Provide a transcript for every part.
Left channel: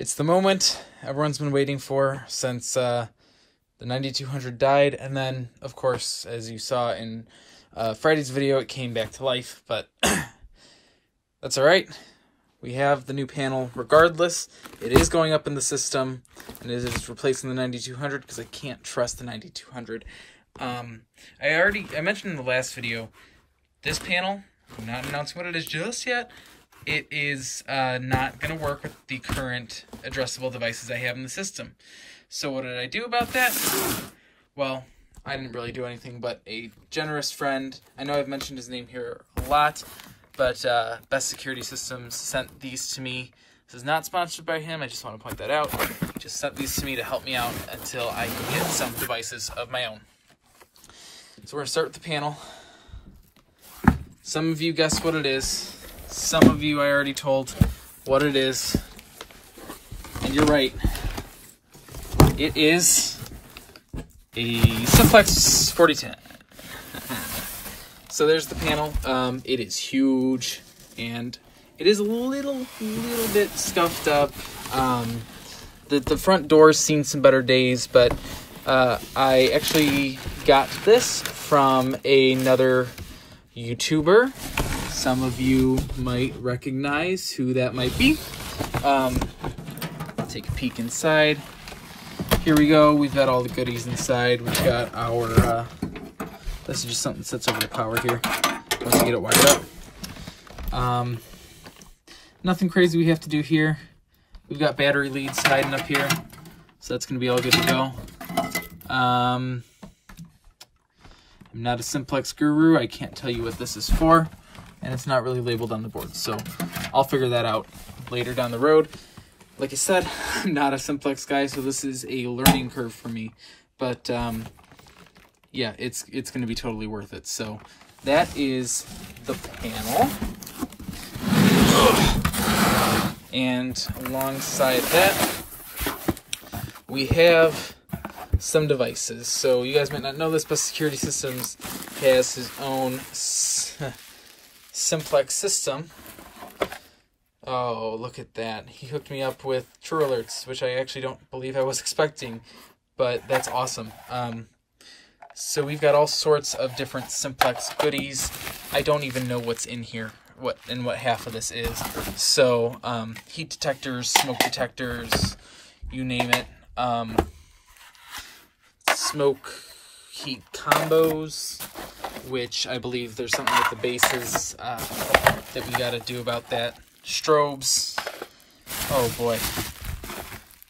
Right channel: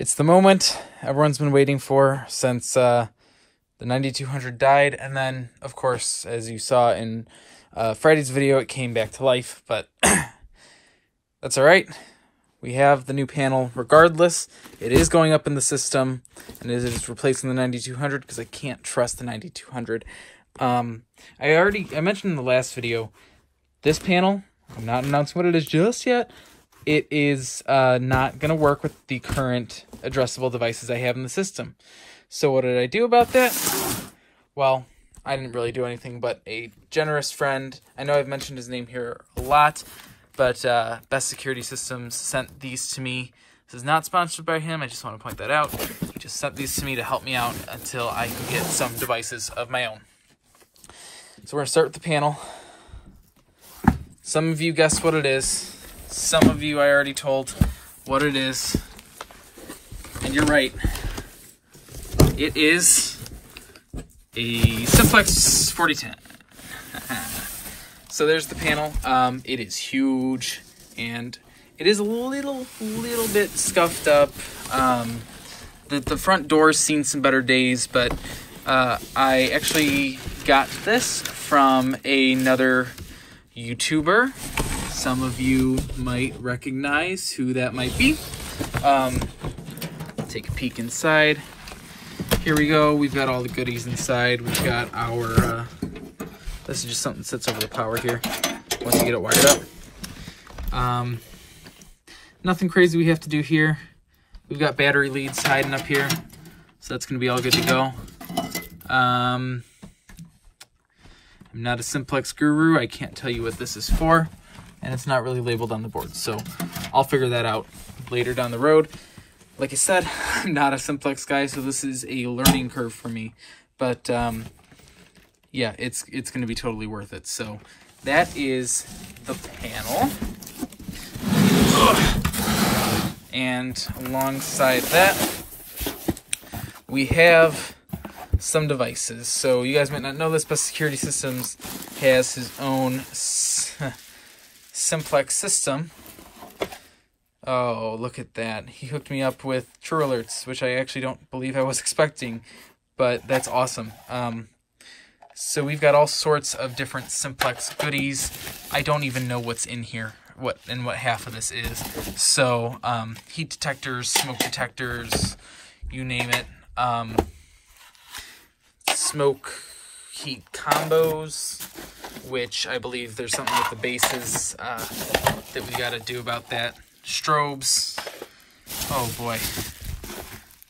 It's the moment everyone's been waiting for since the 9200 died, and then, of course, as you saw in Friday's video, it came back to life, but that's alright. We have the new panel regardless. It is going up in the system, and it is replacing the 9200 because I can't trust the 9200. I mentioned in the last video, this panel, I'm not announcing what it is just yet. It is not going to work with the current addressable devices I have in the system. So what did I do about that? Well, I didn't really do anything, but a generous friend, I know I've mentioned his name here a lot, but Best Security Systems sent these to me. This is not sponsored by him, I just want to point that out. He just sent these to me to help me out until I can get some devices of my own. So we're going to start with the panel. Some of you guessed what it is. Some of you I already told what it is. And you're right. It is a Simplex 4010. So there's the panel. It is huge, and it is a little bit scuffed up. The front door's seen some better days, but I actually got this from another YouTuber. Some of you might recognize who that might be. Take a peek inside. Here we go. We've got all the goodies inside. We've got our, this is just something that sits over the power here once you get it wired up. Nothing crazy we have to do here. We've got battery leads hiding up here, so that's going to be all good to go. I'm not a Simplex guru. I can't tell you what this is for. And it's not really labeled on the board, so I'll figure that out later down the road. Like I said, I'm not a Simplex guy, so this is a learning curve for me. But yeah, it's going to be totally worth it. So that is the panel. And alongside that, we have some devices. So you guys might not know this, but Security Systems has his own Simplex system. Oh, look at that. He hooked me up with True Alerts, which I actually don't believe I was expecting, but that's awesome. So we've got all sorts of different Simplex goodies. I don't even know what's in here, what half of this is. So heat detectors, smoke detectors, you name it. Smoke heat combos, which I believe there's something with the bases that we got to do about that. Strobes. Oh boy.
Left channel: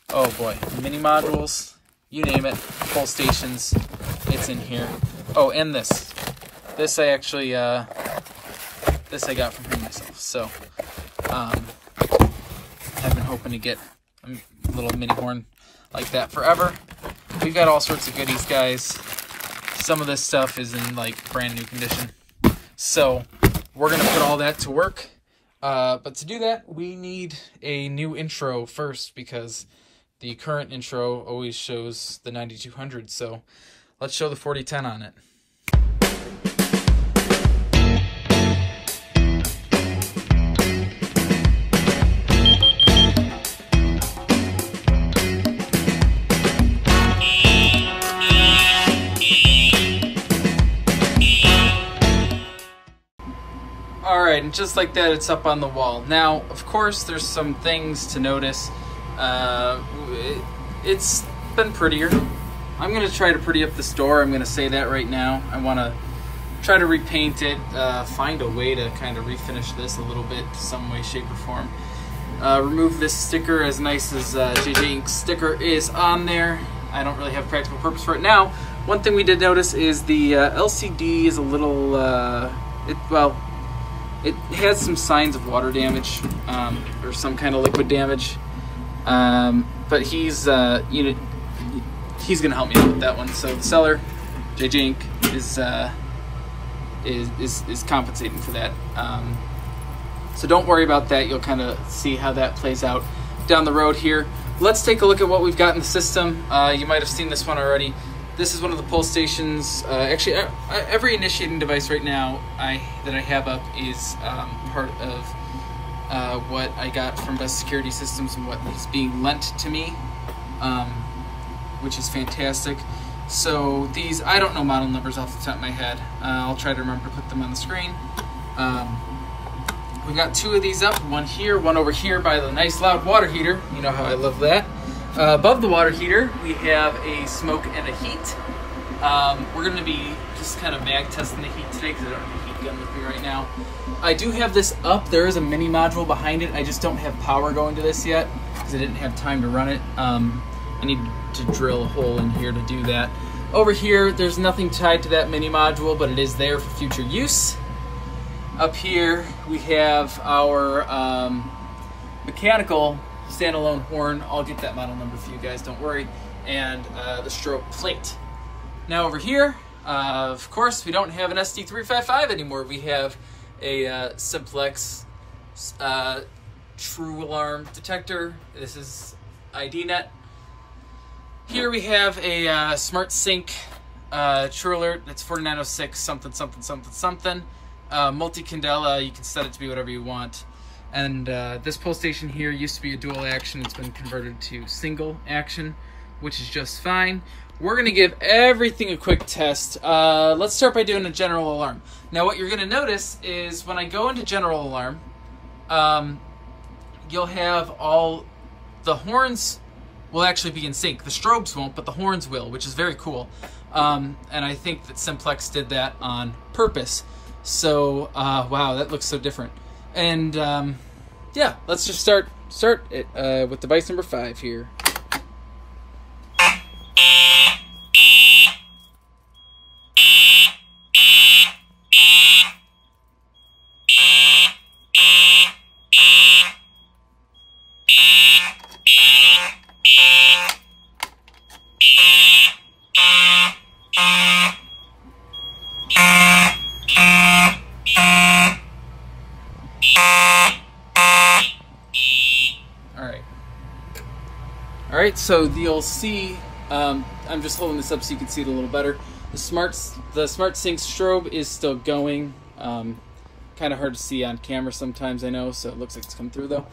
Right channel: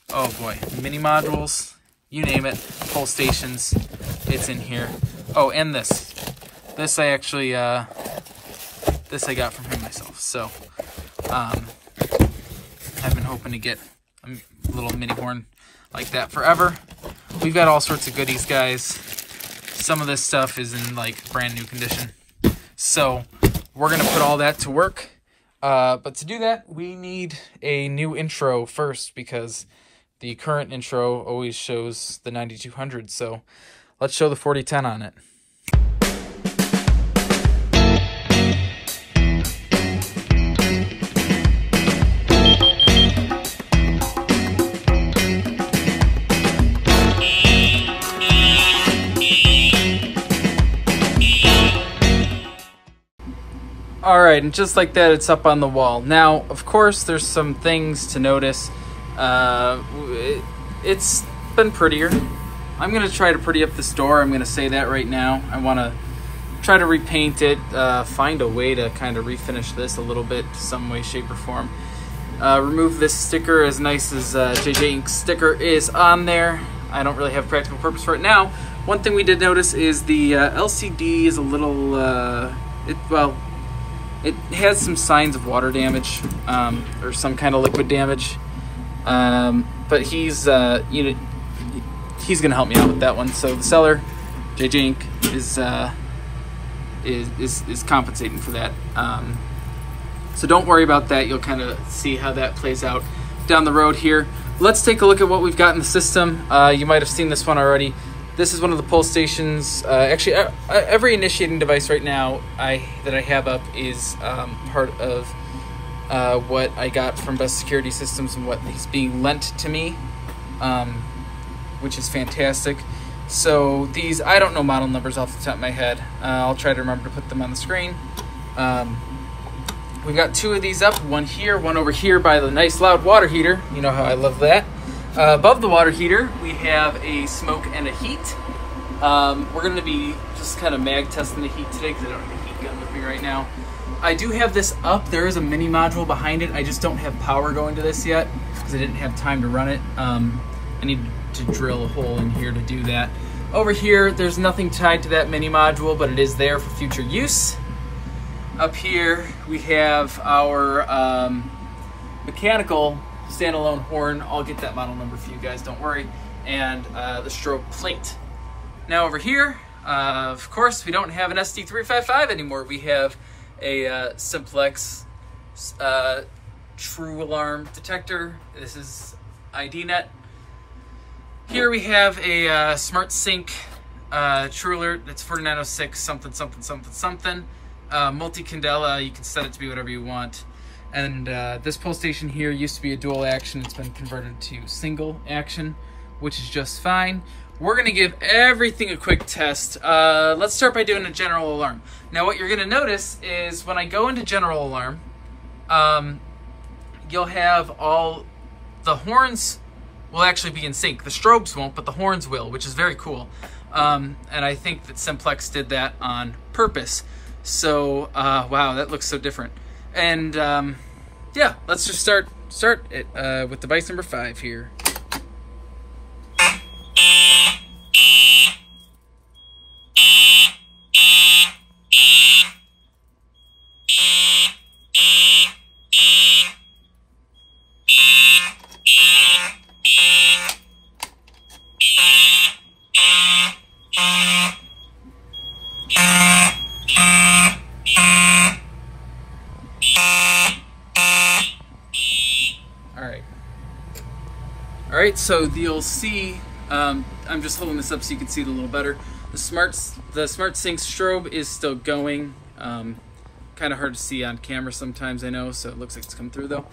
Oh boy. Mini modules. You name it. Pull stations. It's in here. Oh, and this. This I actually, this I got from him myself. So, I've been hoping to get a little mini horn like that forever. We've got all sorts of goodies, guys. Some of this stuff is in like brand new condition. So we're going to put all that to work. But to do that, we need a new intro first because the current intro always shows the 9200. So let's show the 4010 on it. Alright, and just like that, it's up on the wall. Now, of course, there's some things to notice. It's been prettier. I'm going to try to pretty up this door. I'm going to say that right now. I want to try to repaint it, find a way to kind of refinish this a little bit, some way, shape, or form. Remove this sticker, as nice as JJ Ink's sticker is on there. I don't really have practical purpose for it now. One thing we did notice is the LCD is a little, it has some signs of water damage, or some kind of liquid damage, but he's gonna help me out with that one. So the seller, JJ Ink, is compensating for that. So don't worry about that. You'll kind of see how that plays out down the road here. Let's take a look at what we've got in the system. You might have seen this one already. This is one of the pull stations. Actually, every initiating device right now that I have up is part of what I got from Best Security Systems and what is being lent to me, which is fantastic. So these, I don't know model numbers off the top of my head. I'll try to remember to put them on the screen. We've got 2 of these up, one here, one over here by the nice loud water heater. You know how I love that. Above the water heater, we have a smoke and a heat. We're going to be just kind of mag testing the heat today because I don't have the heat gun with me right now. I do have this up. There is a mini module behind it. I just don't have power going to this yet because I didn't have time to run it. I need to drill a hole in here to do that. Over here, there's nothing tied to that mini module, but it is there for future use. Up here, we have our mechanical standalone horn. I'll get that model number for you guys, don't worry. And the strobe plate. Now over here, of course, we don't have an SD355 anymore. We have a Simplex True Alarm detector. This is IDNet. Here we have a Smart Sync True Alert. That's 4906 something something something something. Multi-candela, you can set it to be whatever you want. And this pull station here used to be a dual action. It's been converted to single action, which is just fine. We're gonna give everything a quick test. Let's start by doing a general alarm. Now what you're gonna notice is when I go into general alarm, you'll have all the horns will actually be in sync. The strobes won't, but the horns will, which is very cool. And I think that Simplex did that on purpose. So, wow, that looks so different. And yeah, let's just start it with device number 5 here. All right, so you'll see, I'm just holding this up so you can see it a little better. The Smart Sync strobe is still going. Kind of hard to see on camera sometimes, I know, so it looks like it's come through though.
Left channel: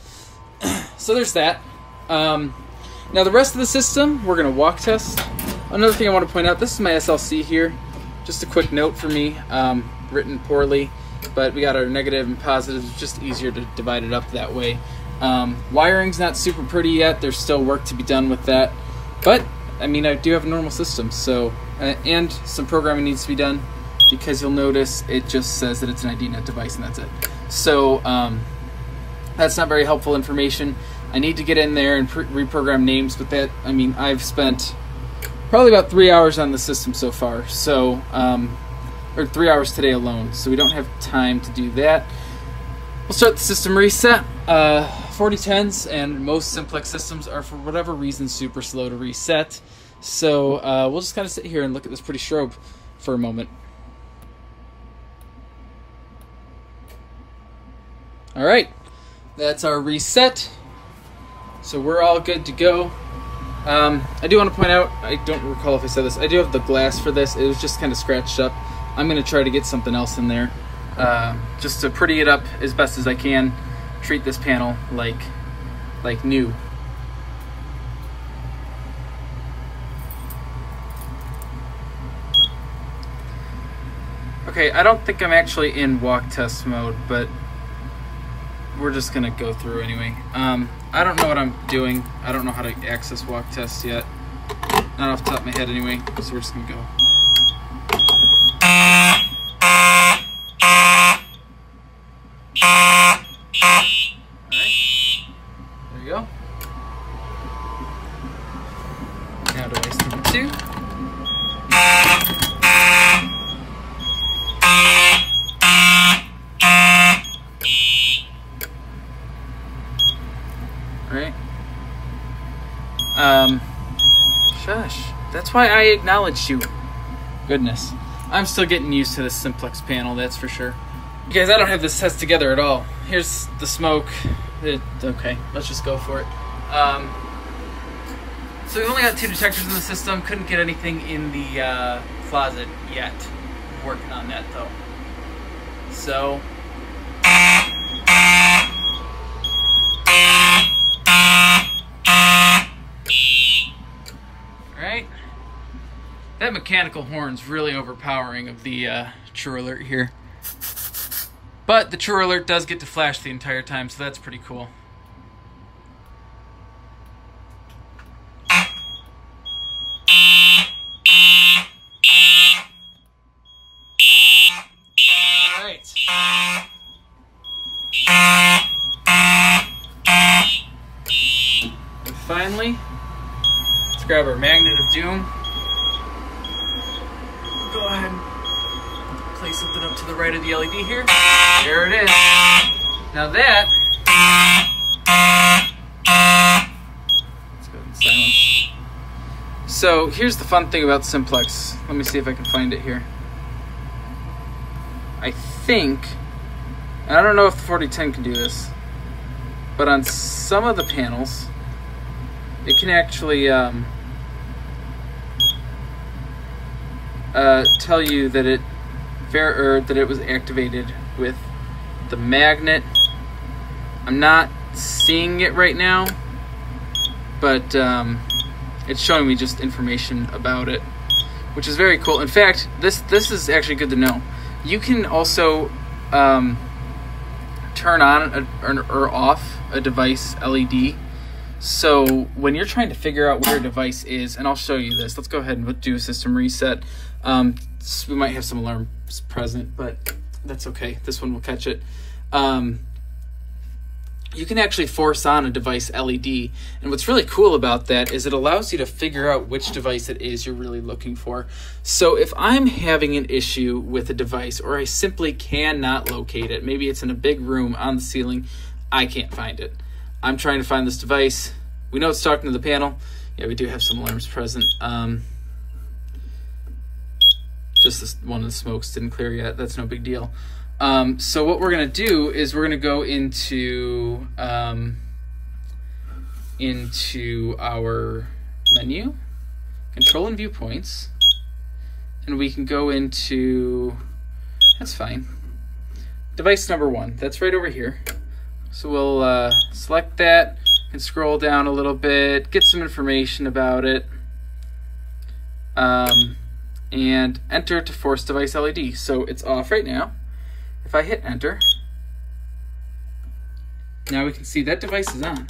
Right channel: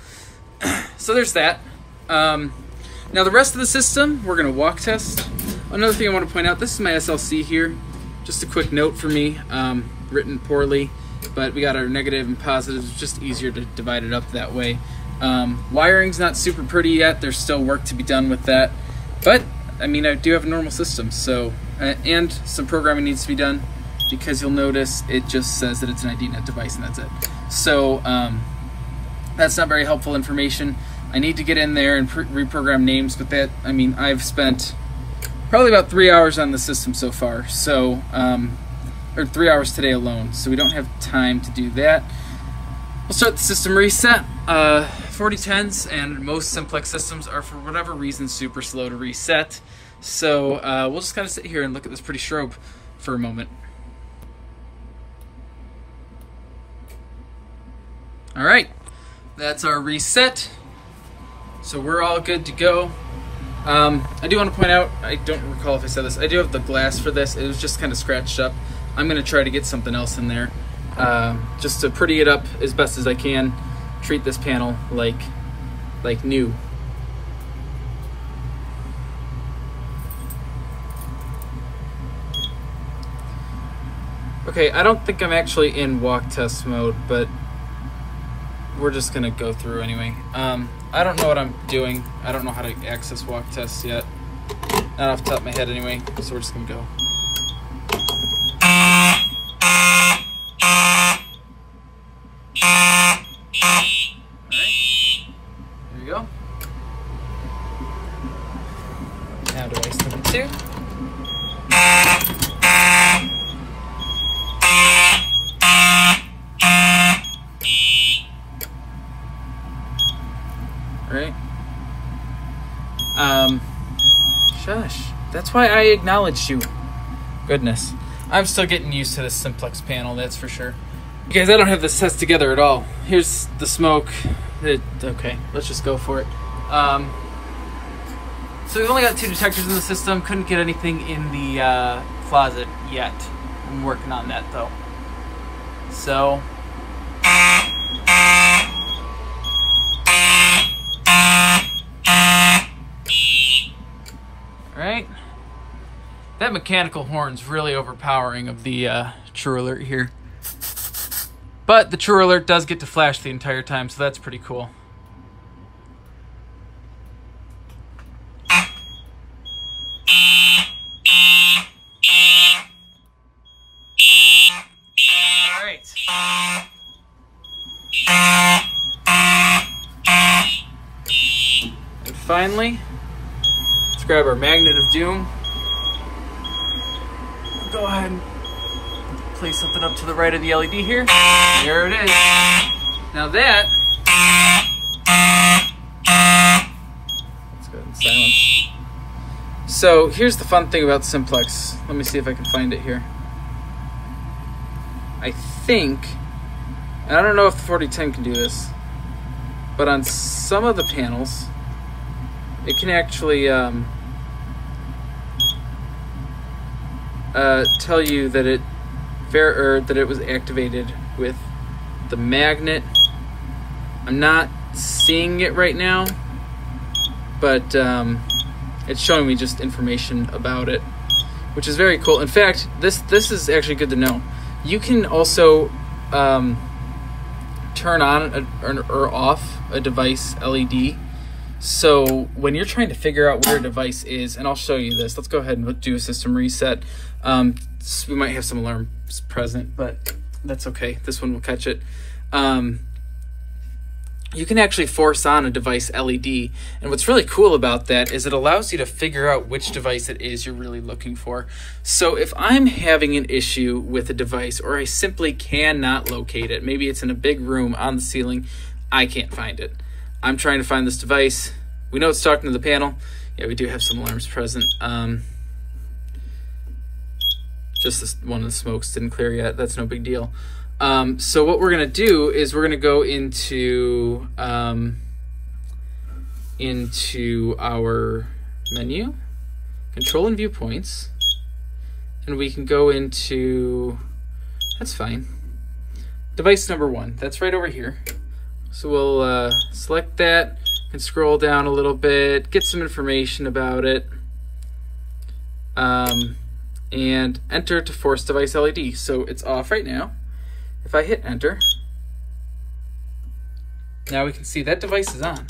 So there's that. Now the rest of the system, we're gonna walk test. Another thing I want to point out, this is my SLC here. Just a quick note for me, written poorly, but we got our negative and positives. It's just easier to divide it up that way. Wiring's not super pretty yet. There's still work to be done with that. But, I mean, I do have a normal system, so, and some programming needs to be done because you'll notice it just says that it's an IDNet device and that's it. So, that's not very helpful information. I need to get in there and reprogram names, but that, I mean, I've spent probably about 3 hours on the system so far, so, or 3 hours today alone, so we don't have time to do that. We'll start the system reset. 4010s and most Simplex systems are, for whatever reason, super slow to reset. So we'll just kind of sit here and look at this pretty strobe for a moment. All right, that's our reset. So we're all good to go. I do want to point out, I don't recall if I said this, I do have the glass for this. It was just kind of scratched up. I'm gonna try to get something else in there just to pretty it up as best as I can. Treat this panel like new. Okay, I don't think I'm actually in walk test mode, but we're just gonna go through anyway. I don't know what I'm doing. I don't know how to access walk tests yet. Not off the top of my head anyway, so we're just gonna go. Now device number 2. Alright. Shush. That's why I acknowledged you. Goodness. I'm still getting used to this Simplex panel, that's for sure. You guys, I don't have this test together at all. Here's the smoke. Okay, let's just go for it. So we've only got 2 detectors in the system. Couldn't get anything in the closet yet. I'm working on that though. So, mechanical horn's really overpowering of the True Alert here. But the True Alert does get to flash the entire time, so that's pretty cool. Alright. And finally, let's grab our Magnet of Doom. Go ahead and place something up to the right of the LED here. There it is. Now that, let's go ahead and silence. So here's the fun thing about Simplex. Let me see if I can find it here. I think, and I don't know if the 4010 can do this, but on some of the panels, it can actually tell you that it was activated with the magnet. I'm not seeing it right now, but it's showing me just information about it, which is very cool. In fact, this is actually good to know. You can also turn on or off a device LED. So when you're trying to figure out where a device is, and I'll show you this. Let's go ahead and do a system reset. We might have some alarms present, but that's okay. This one will catch it. You can actually force on a device LED. And what's really cool about that is it allows you to figure out which device it is you're really looking for. So if I'm having an issue with a device, or I simply cannot locate it, maybe it's in a big room on the ceiling, I can't find it. I'm trying to find this device. We know it's talking to the panel. Yeah, we do have some alarms present. Just this one of the smokes didn't clear yet. That's no big deal. So what we're gonna do is we're gonna go into our menu, control and viewpoints, and we can go into, that's fine, device number 1. That's right over here. So we'll select that and scroll down a little bit, get some information about it, and enter to force device LED. So it's off right now. If I hit enter, now we can see that device is on.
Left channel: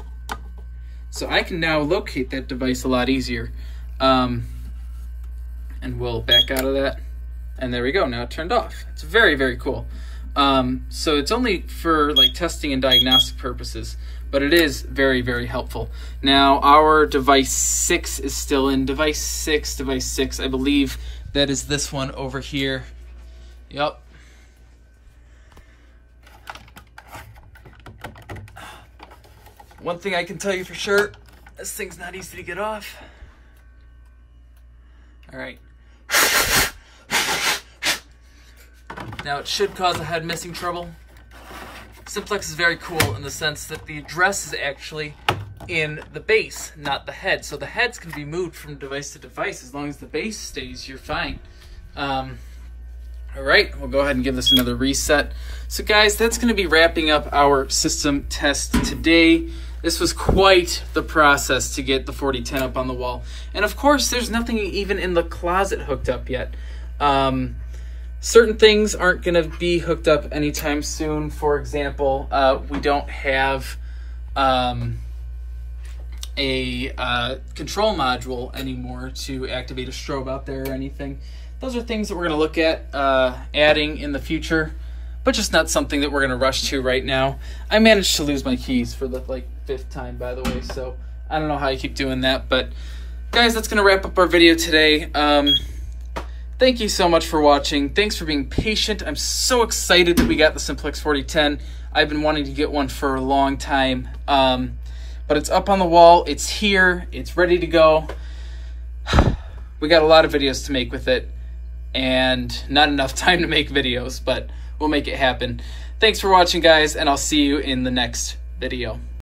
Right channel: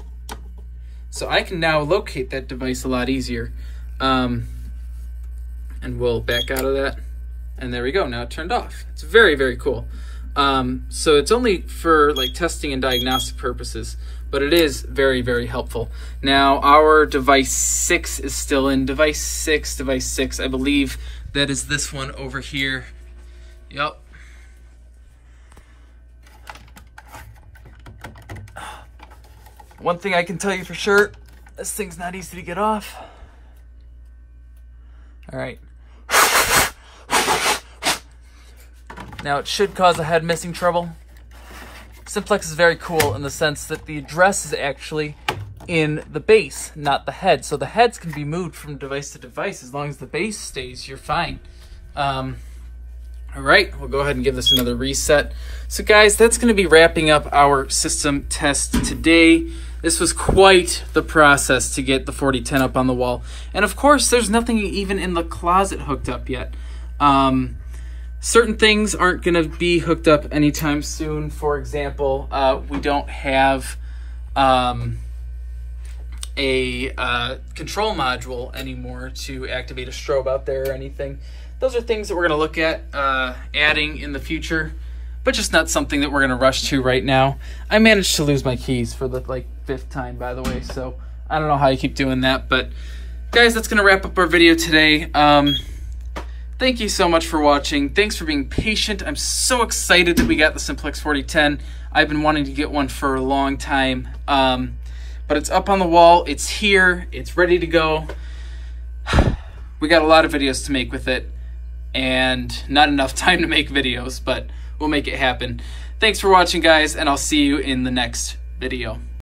So I can now locate that device a lot easier. And we'll back out of that. And there we go, now it turned off. It's very, very cool. So it's only for like testing and diagnostic purposes, but it is very, very helpful. Now our device 6 is still in. Device 6, I believe that is this one over here. Yep. One thing I can tell you for sure, this thing's not easy to get off. All right. Now it should cause a head missing trouble. Simplex is very cool in the sense that the address is actually in the base, not the head. So the heads can be moved from device to device. As long as the base stays, you're fine. All right, we'll go ahead and give this another reset. So guys, that's gonna be wrapping up our system test today. This was quite the process to get the 4010 up on the wall. And of course, there's nothing even in the closet hooked up yet. Certain things aren't gonna be hooked up anytime soon. For example, we don't have a control module anymore to activate a strobe out there or anything. Those are things that we're gonna look at adding in the future, but just not something that we're gonna rush to right now. I managed to lose my keys for the 5th time, by the way, so I don't know how you keep doing that. But guys, that's gonna wrap up our video today. Thank you so much for watching. Thanks for being patient. I'm so excited that we got the Simplex 4010. I've been wanting to get one for a long time, but it's up on the wall. It's here. It's ready to go. We got a lot of videos to make with it, and not enough time to make videos, but we'll make it happen. Thanks for watching, guys, and I'll see you in the next video.